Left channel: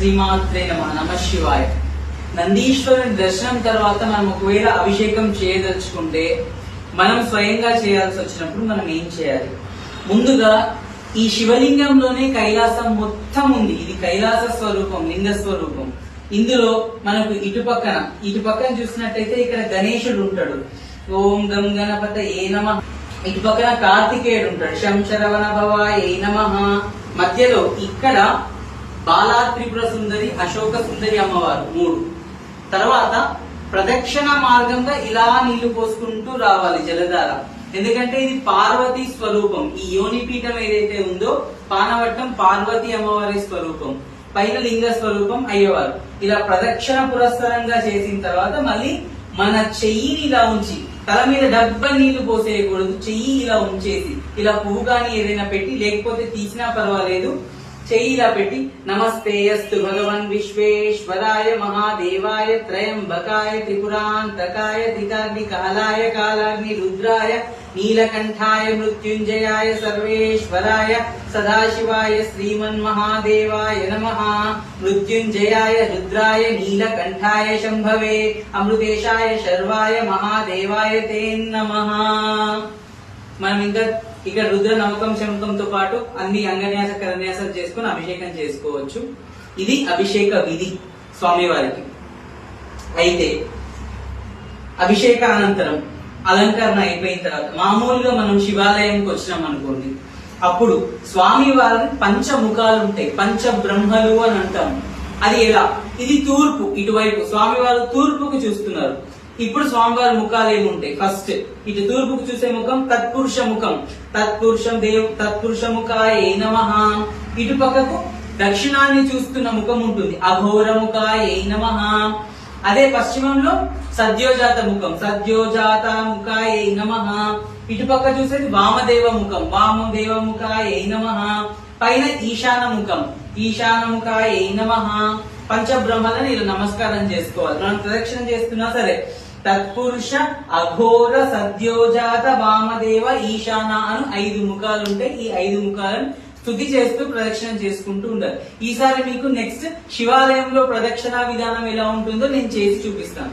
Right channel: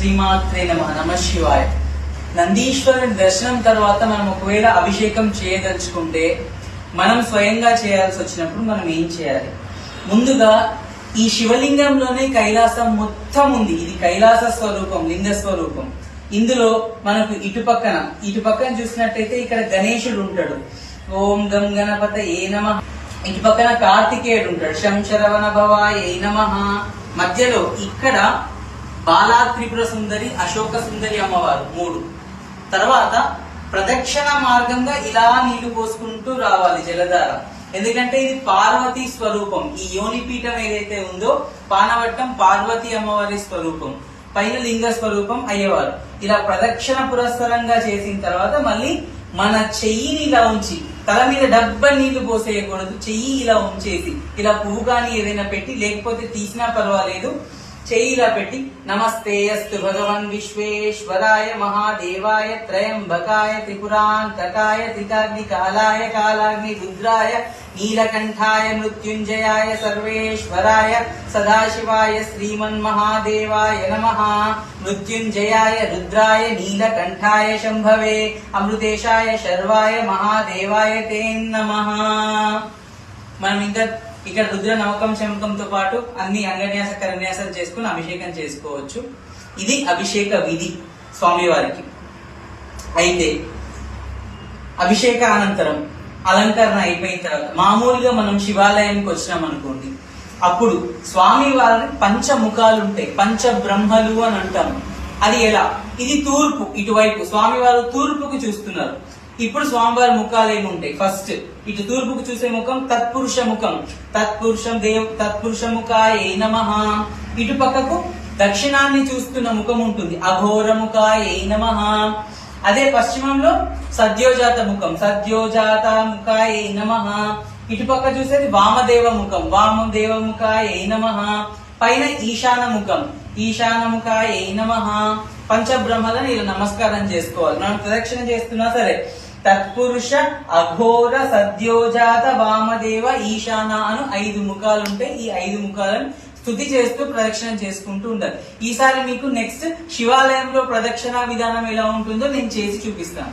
శ్రీమాత్రే నమ శివాయ. నందీశ్వరుని దర్శనం తర్వాత మనం ఒకవేళ అభిషేకం చేయదలుచుకుంటే మనం స్వయంగా చేయాల్సి వచ్చినప్పుడు మనం ఏం చేయాలి? ముందుగా ఈ శివలింగంలోనే కైలాసం మొత్తం ఉంది. ఇది కైలాస స్వరూపం, లింగ స్వరూపం. ఇందులో మనకు ఇటుపక్కన చూసినట్టయితే ఇక్కడ గణేశుడు ఉంటాడు. ఓం గం గణపత ఏ నమః. ఇటు పక్కన కార్తికేయుడు ఉంటాడు. శంచరవణ భవాయ ఏ నమః. మధ్యలో ఇక్కడ బాలా త్రిపుర సుందరి, అశోక సుందరి అమ్మవారు 3. తర్వాత ప్రదక్షిణ మార్గంగా ఇలా నీళ్లు పోసుకుంటూ రావాలి జలధార. ఎందుకంటే ఇది పార్వతీ స్వరూపం. ఈ యోనిపీఠం ఏదైతే ఉందో పానవట్టం పార్వతీ అమ్మవారి స్వరూపం, పైన లింగ స్వరూపం అయ్యేవారు. ఇలా ప్రదక్షిణ పురస్సరంగా చేసిన తర్వాత మళ్ళీ మన చెయ్యిని ఇలా ఉంచి, తల మీద డబ్బా నీళ్లు పోసేయకూడదు, చెయ్యి ఇలా ఉంచేసి ఇలా పువ్వు కానీ ఏదైనా పెట్టి, లేకపోతే తీసినా పర్వాలేదు, చెయ్యి ఇలా పెట్టి నమస్తే అస్తు భగవన్ విశ్వేశ్వరాయ మహాదేవాయ త్రయంబకాయ త్రిపురాంతకాయ త్రికాగ్ని కాలాయ కాలాగ్ని రుద్రాయ నీలకంఠాయ మృత్యుంజయాయ సర్వేశ్వరాయ సదాశివాయ శ్రీమన్మహాదేవాయ నమః. మృత్యుంజయాయ రుద్రాయ నీలకంఠాయ శంభవే అమృతేశాయ శర్వాయ మహాదేవాయ తే నమః. మనం ఇంకా ఇక్కడ రుద్ర నమ్మకం శంఖంతో పాటు అన్ని అంగన్యాస కరన్యాసాలు చేసుకుని అభిషేకం చేసుకోవచ్చు. ఇది అభిషేక విధి స్వామివారికి. అయితే అభిషేక అనంతరం అలంకరణ అయిపోయిన తర్వాత మామూలుగా మనం శివాలయానికి వచ్చినాం అనుకోండి, అప్పుడు స్వామివారి పంచముఖాలు ఉంటాయి, పంచబ్రహ్మలు అని అంటాం. అది ఎలా? ఇది తూర్పు, ఇటువైపు స్వామివారు తూర్పుకు చూస్తున్నారు. ఇప్పుడు స్వామివారి ముఖాలు ఏముంటాయి? ఫస్ట్ ఇటు తూర్పుకు చూసే ముఖం తత్పురుష ముఖం, తత్పురుష ముఖాయ నమః. ఇటు పక్కకు దక్షిణాన్ని చూస్తున్న ముఖం ఉంటుంది, అఘోర ముఖాయ నమః. అదే పశ్చిమంలో సద్యోజాత ముఖం, సద్యోజాత ముఖాయ నమః. ఇటు పక్క చూసేది వామదేవ ముఖం, వామదేవ ముఖాయ నమః. పైన ఈశాన ముఖం, ఈశాన ముఖాయ నమః. పంచబ్రహ్మలను ఇలా నమస్కారం చేసుకోవాలి. మనం ప్రదక్షిణ చేస్తున్నా సరే తత్పురుష, అఘోర, సద్యోజాత, వామదేవ, ఈశాన అను 5 ముఖాలు ఉంటాయి. ఈ 5 ముఖాలను స్తుతి చేస్తూ ప్రదక్షిణ చేసుకుంటూ ఉండాలి. ఈసారి మీకు నెక్స్ట్ శివాలయంలో ప్రదక్షిణ విధానం ఎలా ఉంటుందో నేను చేసి చూపిస్తాను.